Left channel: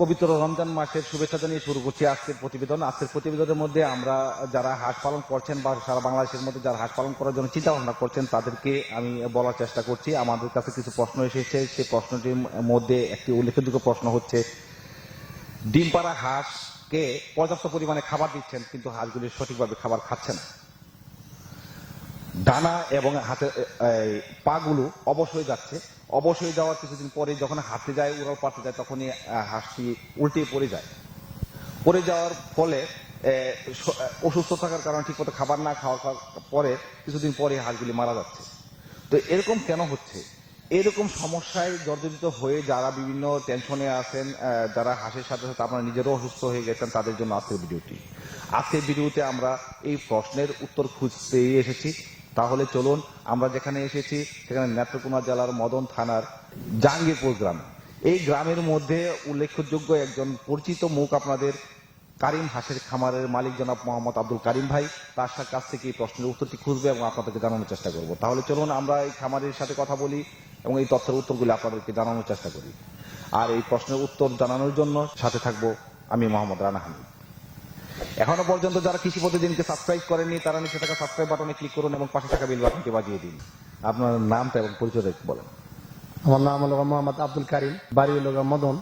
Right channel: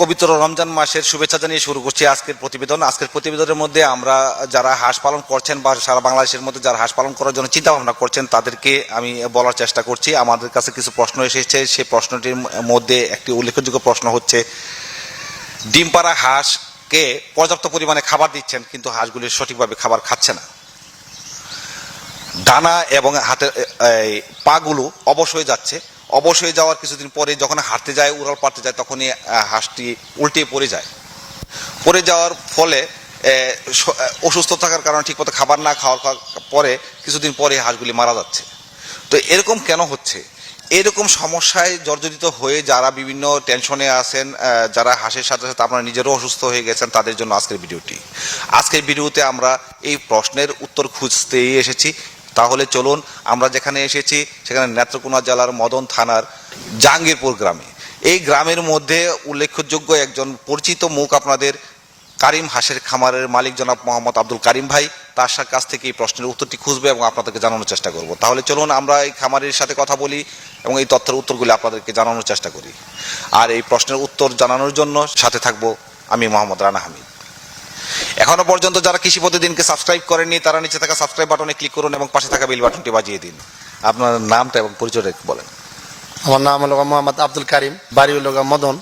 পবিত্র রমজান মাসের শুভেচ্ছা জানিয়ে শুরু করছি আজকের প্রতিবেদন। আজকের প্রতিবেদনের মধ্যে আমরা যারা হাঁস পালন করছেন বা সারা বাংলাদেশের মধ্যে যারা হাঁস পালন করার জন্য চিন্তা ভাবনা করছেন তাদেরকে আমি বলার চেষ্টা করছি। আমাদের কাছে কিছু প্রশ্ন এসেছে, সেই প্রশ্নটির মধ্যে একটি উল্লেখযোগ্য প্রশ্ন হচ্ছে, ডিম পাড়া হাঁসকে পর্যাপ্ত পরিমাণে খাবার দিচ্ছেন কিন্তু হাঁসগুলি সঠিকভাবে খাবার খাচ্ছে না, ডানা এবং হাতের পাগুলো অবশ হয়ে যাচ্ছে। অবশ হয়ে যাওয়ার কিছুদিন পরে যখন হাঁটতে যায়, উড়াল পাড়তে যায়, তখনই হাঁসটি উল্টে পড়ে যায়। পড়ে যাওয়ার ফলে অসুস্থ থাকার কারণে ঠিকমতো খাবার না খাওয়ার পরে কিছুদিন পরে হাঁসগুলি মারা যাচ্ছে। তো এরকম কেন হচ্ছে? এরকম সমস্যায় জর্জরিত হয়ে যারা বিভিন্ন টেনশনে আছেন, যারা হাঁসের সাথে সাথে আপনারা নিজেরও অসুস্থ হয়ে গেছেন, তাদের জন্য আজকের ভিডিওটি। আজকের ভিডিওতে আমরা এই প্রশ্নের উত্তর খুঁজতেই এসেছি। তাহলে চলুন, আমরা যেখানে এসেছি সেখানে নেত্রকোনা জেলার মদন থানার জাহাঙ্গীরপুর গ্রামে। এই গ্রামের মধ্যে উল্লেখযোগ্য একজন পরিচিত মুখ আপনাদের কারিম হাঁসের খামারের মালিক জনাব মোহাম্মদ আব্দুল কারিম ভাই, তার কাছ থেকে এই প্রশ্নের উত্তরটি খুঁজবে এবং আপনাদেরকে জানানোর চেষ্টা করব। তাহলে চলুন আমরা এই খামারের সাথে কথা বলি এবং এই তথ্যের উত্তরগুলি আপনাদেরকে জানানোর চেষ্টা করি। আর এই প্রশ্নের উত্তর জানানোর জন্য সাথে থাকবো আমি মোহাম্মদ রানা হামিদ। এখনো পর্যন্ত যারা কৃষি প্রতিদিনকে সাবস্ক্রাইব করেননি তারা নিচে থাকা সাবস্ক্রাইব বাটনে ক্লিক করুন এবং পাশে থাকা বেল বাটনটি বাজিয়ে দিন। আপনার নামটা এবং পরিচয়টা বলেন। আমার নাম হলো মোহাম্মদ আব্দুল কারিম, বাড়ি হলো মদন,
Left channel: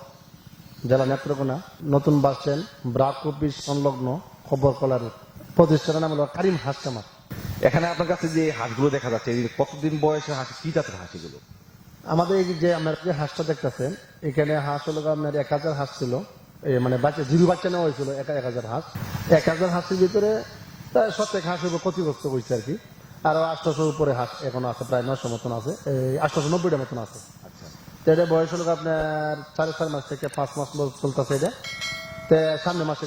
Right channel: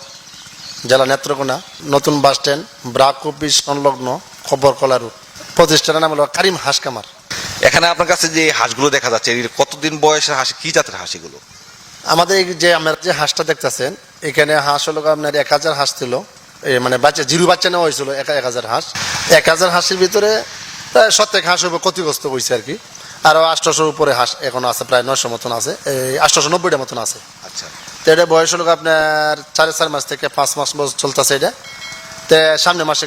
জেলা নেত্রকোনা, নতুন বাস স্ট্যান্ড, ব্রাক অফিস সংলগ্ন, খবরকলা রোড। প্রতিষ্ঠানের নাম হলো কারিম হাঁস খামার। এখানে আপনার কাছে যে হাঁসগুলো দেখা যাচ্ছে, এর কতদিন বয়সের হাঁস, কি জাতের হাঁস এগুলো? আমাদের এই যে আমরা যে হাঁসটা দেখতেছেন, এখানে হাঁস হলো আপনার 1000 হাঁস ছিল, মানে বাচ্চা জিরো বাচ্চা নেওয়া হয়েছিল 1000 হাঁস। 1000 হাঁসের ভিতরে প্রায় 70 হাঁস ক্ষতিগ্রস্ত হয়েছে আর কি। আরও 800 উপরে হাঁস এখন আছে, প্রায় 900 মতন আছে, 890টা মতন আছে। আচ্ছা, তো এটা বয়স হলো আপনার 4.5 মাস থেকে 5 মাস চলতেছে এটা। তো সামনে মাসে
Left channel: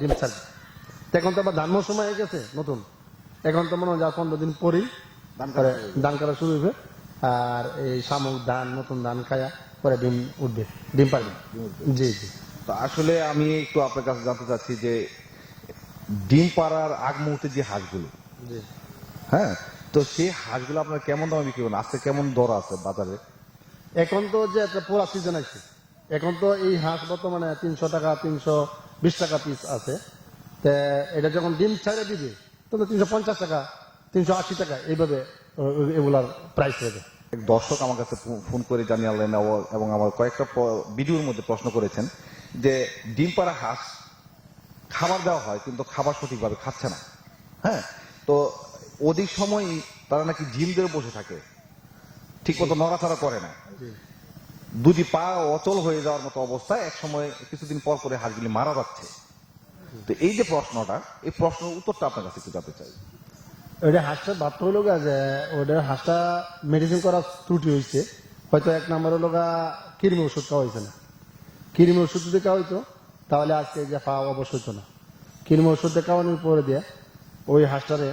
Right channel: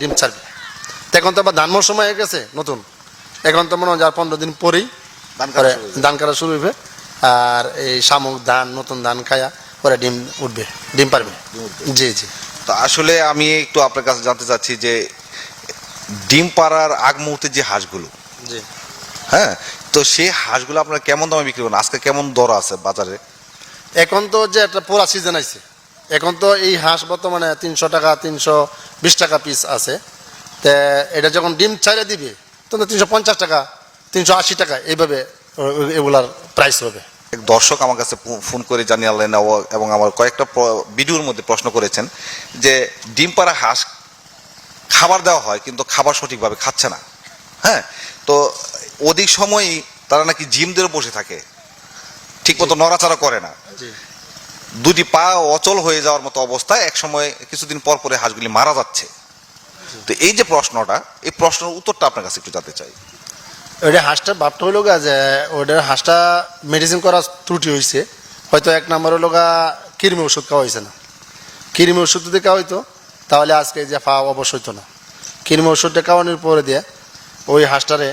ডিম ছাড়বে। তো এখন তো আবার ধান মৌসুম হয়ে গেছে নতুন, এখন তো মনে হয় 15 দিন পরেই ধান কাটা শুরু হবে। আর এই শামুক ধান, নতুন ধান খায়া পরে ডিম উঠবে, ডিম পারবে। জি জি। তো আসলে আমি একটু আপনার কাছে জানতে চাচ্ছি যে ডিম পাড়ার আগ মুহূর্তে যে হাঁসগুলো, জি হ্যাঁ, তো সেই হাঁসগুলো আপনারা কেমন দামে বিক্রি করেন? আজকে কেমন দর আছে বাজারে? এখন তো যে একটা পোড়া সিজন আছে, এখন তো এই হাঁস বর্তমানে 300 টাকা 320 টাকা পিস আছে। তা এটা যখন ডিম ছাইড়ে দিবে তখন 350 টাকা 380 টাকা এইভাবে এগুলার প্রাইস হবে। এক দর্শক আমার কাছে ফোন করে জানিয়ে এবং আমার কয়েকটা ভিডিওর মধ্যে প্রশ্ন করেছেন যে ডিম পাড়া হাঁস খাবার দেওয়া হয় কিন্তু খাবার সঠিকভাবে খাচ্ছে না। হ্যাঁ, তো অধিক সময়ই তারা নাকি জিম ধরে বসে থাকে, ঠিক মতো নড়াচড়া করে না, দুটি পা অচল হয়ে যাওয়ার মতো অবস্থায় এক সময় কিছুদিন পর পরে হাঁসগুলি মারা যাচ্ছে। তো এই যে প্রশ্নটা, এই প্রশ্নের উত্তরটা আপনার কাছে একটু জানতে চাই। ওইটা হাঁসটা ভাবটা হইল গা যে ওইটার হাঁসটা মেডিসিন করার ত্রুটি হয়েছে। হয়তো 1 নম্বর হলো গা কৃমি ওষুধ খাওয়া হয়েছে না। কৃমি ওষুধ যদি খাওয়া হইতো তাহলে আজকে যে পা অবশ্য হইতো না। কৃমি ওষুধটা খাওয়ানোর পরে দিয়ে ওই হাঁসটারে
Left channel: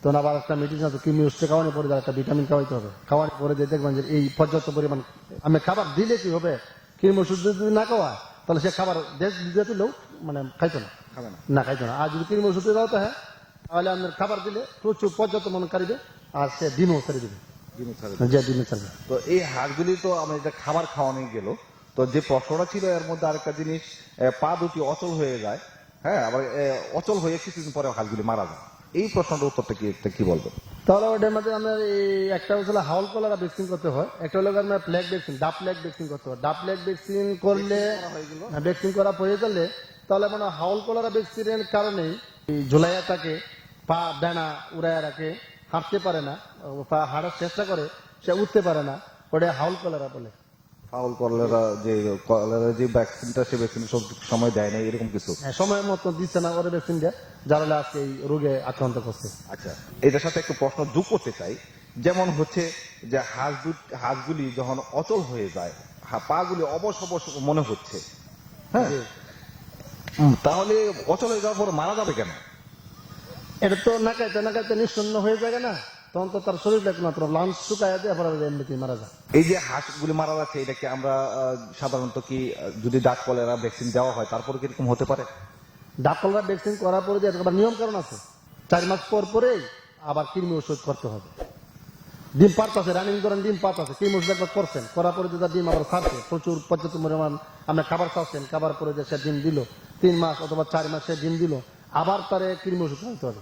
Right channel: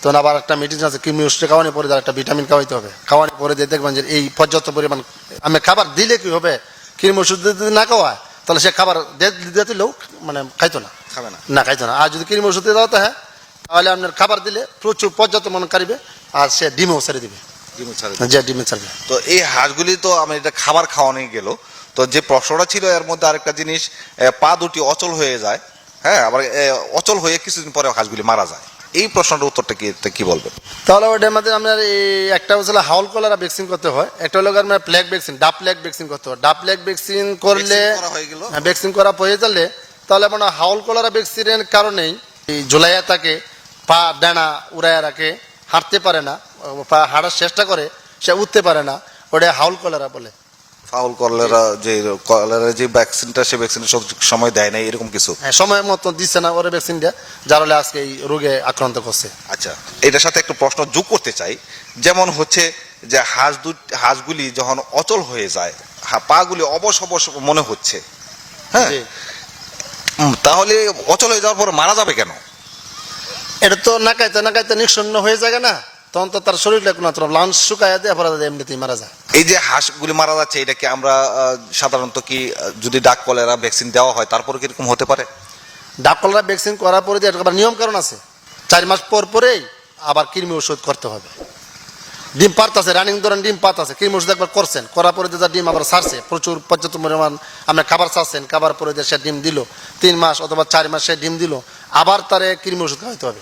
তখন আবার একটা মেডিসিন আছে, কৃমি ওষুধটা খাওয়ানোর পরে একটা ভিটামিন খাওয়াইতে হবে। খাওয়ানোর পরে দিয়ে দেখবেন যে এই পর্যাপ্ত পরিমাণ আমি খাবার দিলে কি হবে, কৃমি ওষুধ যদি না খাওয়ায় তাহলে সে খাবার দিতে লোক মানে খাইতো না, খাবে না, না খাইতো না। আর যদি কৃমি ওষুধ দিয়ে দাও হ্যাঁ, তাহলে আপনার খাবার দিলে প্রচুর পর্যাপ্ত মনে কারিবে আর সে ডিমও ছেড়ে দিবে। যে ডিমে ছাড়বে। তো এই হাঁসগুলি তো আমি এটা খাবার খাওয়ানো গেল, তো যে প্রশ্নটা ছিল এর মধ্যে আরেকটা জিনিস, পা দুটি অচল হয়ে যায়, হ্যাঁ, আবার অচল হয়ে কিছুদিন পরে হাঁসগুলি মারা যায়। এই প্রশ্নটার উত্তরটা কি বলবেন? তাহলে ওটার মধ্যে আপনার এই একটা হচ্ছে হাউল কলেরা ভ্যাকসিন করতে হয়, একটা হলো আপনার প্লেগ ভ্যাকসিন, ডাব প্লেগ ভ্যাকসিন করতে হয়। ডাব প্লেগ ভ্যাকসিন করলে ভ্যাকসিন করা হয়ে গেলে তাহলে আপনার হাউল কলেরা ভ্যাকসিনের কারণেই এই জুলাইয়া তাকে পা ডানা উড়াইয়া রাখে, হাঁটতে পারে না, পা হাঁটার চেষ্টা করে সে উঠতে পারে না, ওটা হাউল কলেরা বলে। ফাউল কলেরা যে ভ্যাকসিনটা, সে ভ্যাকসিন সব সময় দেয় না, এরকম কিছু? হ্যাঁ, সময় মতো দিচ্ছে না ওরা ভ্যাকসিন দেয়, যার হলে আজকে এই রোগে আক্রান্ত করছে। আচ্ছা, এটার সাথে একটু প্রশ্ন যোগ করতে চাই। যেমন হচ্ছে যে হাঁসগুলি যখন অচল হয়ে যায়, পাগুলি অবশ অবশ মনে হচ্ছে, হ্যাঁ, তাহলে অচল হয়ে যাওয়ার পর মারা যাবে কেন? এটা তো নাকাইতে নিঃসন্ন হয়ে যায় না, তখন তো তার শরীরটা কোনো লাঞ্চ শুকায় দেয়, এমনিতেই মারা যায়। এই যে হাঁসগুলি মারা যাচ্ছে, এটাকে আমরা সাধারণত কি যদি ডাক কলেরা ভ্যাকসিন দেওয়া হয় তারপরে কিরকম হতে পারে? ডাক কলেরা ভ্যাকসিন করার পরে আবার নিয়ম কারণ আছে, 4 মাস পর পরেই আবার কৃমি ওষুধ করতে হবে। ডিম পারতাছে, রানিং ধরেন ডিম পারতাছে, কৃমি ওষুধ একবার করছেন, করার পরে যে ডিম আবার ছাড়ছে, প্রচুর পর্যাপ্ত পরিমাণ আপনি খাবার চাচ্ছেন, খাবার পরে যে সে ডিম দিল, 3 মাস অথবা 4 মাস সে ডিম দিল, আবার তারে কৃমি ওষুধ খাওয়াইতে হবে।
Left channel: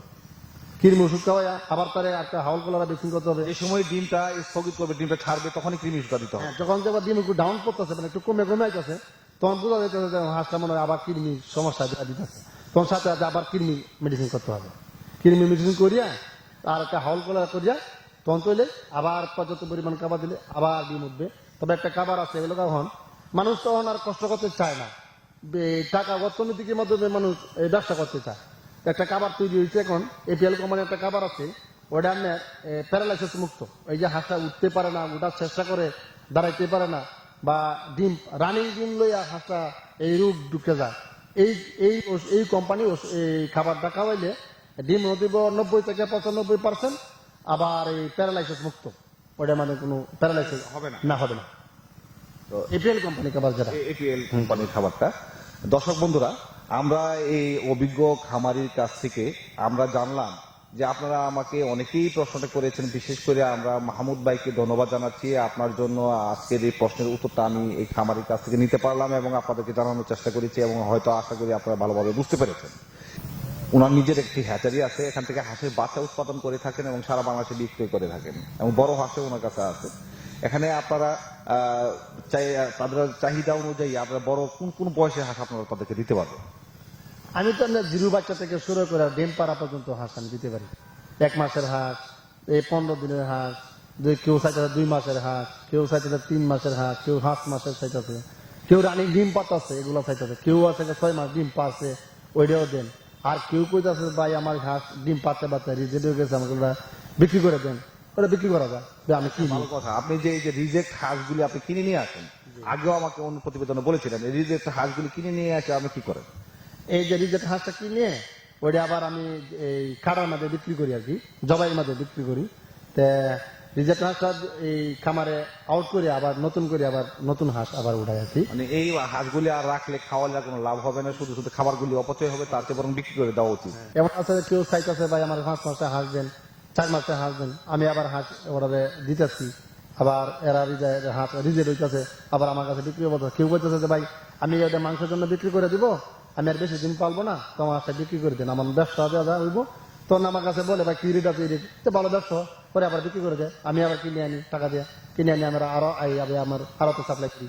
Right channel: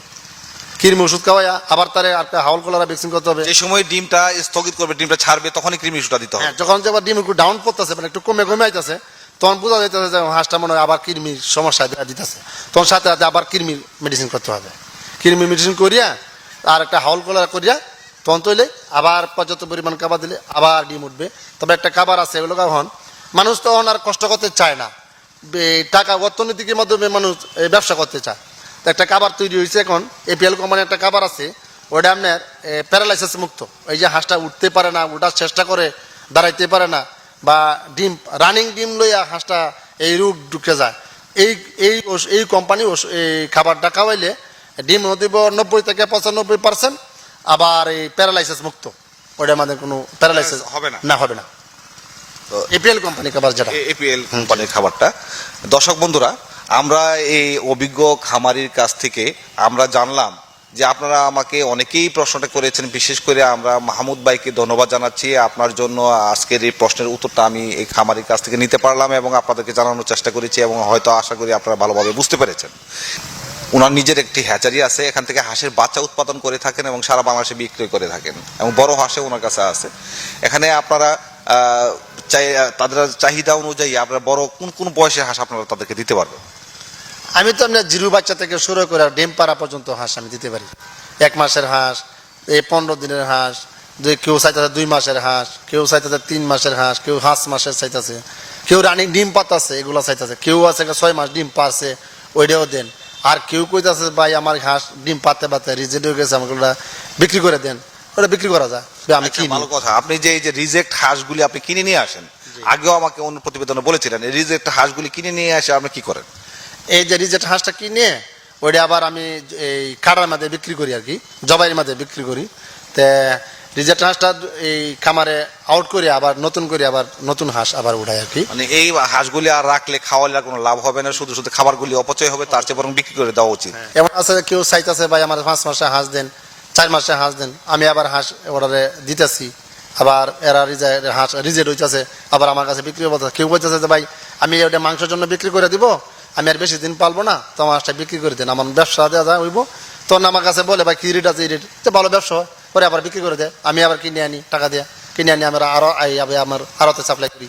কৃমি ওষুধ খাওয়াইয়া আবার তারে একটা হাউল কলারা ভ্যাকসিন করতে হবে। যে সময় ডিমটা স্থগিত করবে, ডিমটা ছাড়বে, তখনই কৃমি ওষুধটা দিতে হবে। হ্যাঁ, যখন যে আবার ডিম একটু ডাউন করতেছে, মানে একটু কমে কমে আইতেছে, তখন বোঝা যাইতেছে যে হাঁসটা মনে হয় আবার কৃমির সমস্যা দিতেছে, তখন সাথে সাথে আবার কৃমির মেডিসিন করতে হবে। কৃমির মেডিসিন করিয়া আর একটা হাউল কলারা করিয়া তখন তৈলে আবার পর্যাপ্ত পরিমাণ খাবার দিলে আবার ডিম উঠবে। তবে একটা খাবার আছে, এগুলো এখন মানুষ তখন আর কষ্ট করতে চায় না, টাকা অর্থনীতির মাধ্যমে মানুষ ব্যবসা করতে চায়। তো একটা খাবার তৈরি হয়েছে এখন, এপিএল কোম্পানির একটা খাবার আছে, ওটা আপনার প্যারালাইসিস মুক্ত। এই যে হাঁসটা উঠতে পারে না, ওঠার চেষ্টা করে, দাঁড়াইতে পারে না, বা ডিম রানিং ডিম লইয়া হাঁসটা এই রোগ ঢুকে যায়, এই এই এই কোম্পানি এই খাবারটা খাওয়াইলে ডিম দিব 90 থেকে 95%, আবার এই প্যারালাইসিস মুক্ত। ওটা আমাদের কোনো প্যারালাইসিস হবে না। না, হবে না। তো এপিএল কোম্পানি খাবার যেটা, এপিএল কোম্পানির খাবারটা। দর্শক বন্ধুরা, আমরা এই অভিজ্ঞ খামারির কাছ থেকে আমরা জানলাম যে আপনারা আমাকে অনেকেই প্রশ্নটা করেছেন, বিশেষ করে আমরা মাহমুদ ভাইকে ধন্যবাদ জানাচ্ছি। আপনার জন্য আজকের এই প্রশ্নের উত্তরটা আমি এই খামারির কাছ থেকে নিতে পারলাম এবং আপনাদেরকে জানানোর চেষ্টা করেছি, এবং হয়তো আশা করি আপনারা ভালোভাবে বুঝতে পেরেছেন। ওনার নিজের একটি হ্যাচারি আছে, এখান থেকে হাঁসের বাচ্চা উৎপাদন করে থাকেন এবং সারা বাংলাদেশে বিক্রি করে থাকেন, এবং বড় হাঁসে ওনার কাছে আছে। এখানে আপনারা তাদের চাহিদা অনুযায়ী আপনারা বড় কোন কোন বয়সের হাঁস আপনারা তাদেরকে দিতে পারবেন? আমি তো আপনার জিরো বাচ্চা থেকে শুরু করে ডিম পাড়া পর্যন্ত হাঁস আমি দিতে পারি। 1 মাসের হাঁস, এই 15 দিনের হাঁস, কেউ চাইতেছে 2 মাসের হাঁস, কেউ চাইতেছে 3 মাসের হাঁস, কেউ 5 মাসের চাইতেছে, কেউ রানিং ডিম পাতাছে এগুলো চাইতেছে, কেউ আছে 6 মাস ডিম পারছে ওইটাও দেন। আর কেউ কইতাছে ভাই আমার হাঁস ডিম পাতে পাতে রিজেক্ট হয়ে গেছে, আমাকে ওটা বিক্রি করে দেন, ওটা বিক্রি করা যায়। আমি আচ্ছা, কিনি। ভালো কথা। আপনি যে এই যে রিজেক্ট হাঁসগুলি আপনি কিনে নিয়ে আসেন, আগেও আমাকে অন্য প্রতিবেদনে বলেছিলেন, এই রিজেক্ট হাঁসগুলি কিনে নিয়ে আসে আপনি কি করেন? এই যে রিজেক্ট হাঁসটা কিনে ওইটা আবার আমি এই কাড়ার মাঝে বিক্রি করি, আর কি জবাইয়ের মাঝে বিক্রি করি। তে রিজেক্ট হাঁসটা এই খামারে আউট করে আবার নতুন করে আবার নতুন হাঁস আবার উঠাই আর কি। মানে এই হাঁসগুলি আর রাখলে খাওয়ালে আর কোনো লাভ হবে না, শুধু শুধু খাবারগুলি অপচয় হবে, তার চেয়ে বরং বিক্রি করে দেওয়া উচিত। এমন আছে কেউ চাইতেছে ভাই আমার 5 মাসে হাঁস দেন, 4 মাসে হাঁস দেন, আমি আবার হাঁস অর্ডারে দিতেছি, আবার এরা হাঁস রিজেক্ট হইতেছে, আবার আমার কাছে বিক্রি হতে। কেউ বলতেছে যে ভাই আমি ওটা মাংসের জন্য বিক্রি করে দিব, আমি আর বেশি দিন পালবো না, তো আমার হাঁসটা বিক্রি করে দেন, আমার ব্যবসা দেওয়া যায় হইব। তখন আমার কাছে বলে ভাই কি রেট আছে, এই রেট, তো ভালো ব্যবসা হয়, পরে আবার বিক্রি করে দেয়, আমি আবার কিনে আনি টাকা দিয়ে, কিনে আনি আমরা আরো আমার আরতে সাপ্লাই করি।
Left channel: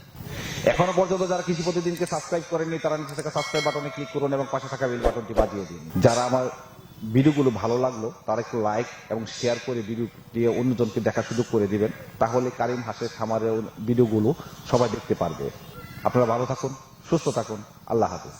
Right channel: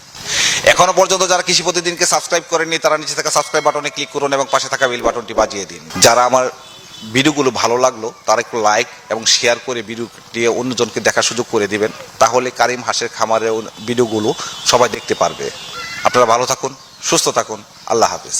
এখনো পর্যন্ত যারা কৃষি প্রতিদিনকে সাবস্ক্রাইব করেননি, তারা নিচে থাকা সাবস্ক্রাইব বাটনে ক্লিক করুন এবং পাশে থাকা বেল বাটনটি বাজিয়ে দিন। যারা আমার ভিডিওগুলো ভালো লাগলো তারা একটু লাইক এবং শেয়ার করে ভিডিওটি অন্যজনকে দেখার সুযোগ করে দিবেন, তাহলে কারিম হাঁসের খামারের ভিডিওগুলো সবাই দেখতে পারবে। আপনারা ভালো থাকুন, সুস্থ থাকুন, আল্লাহ হাফেজ।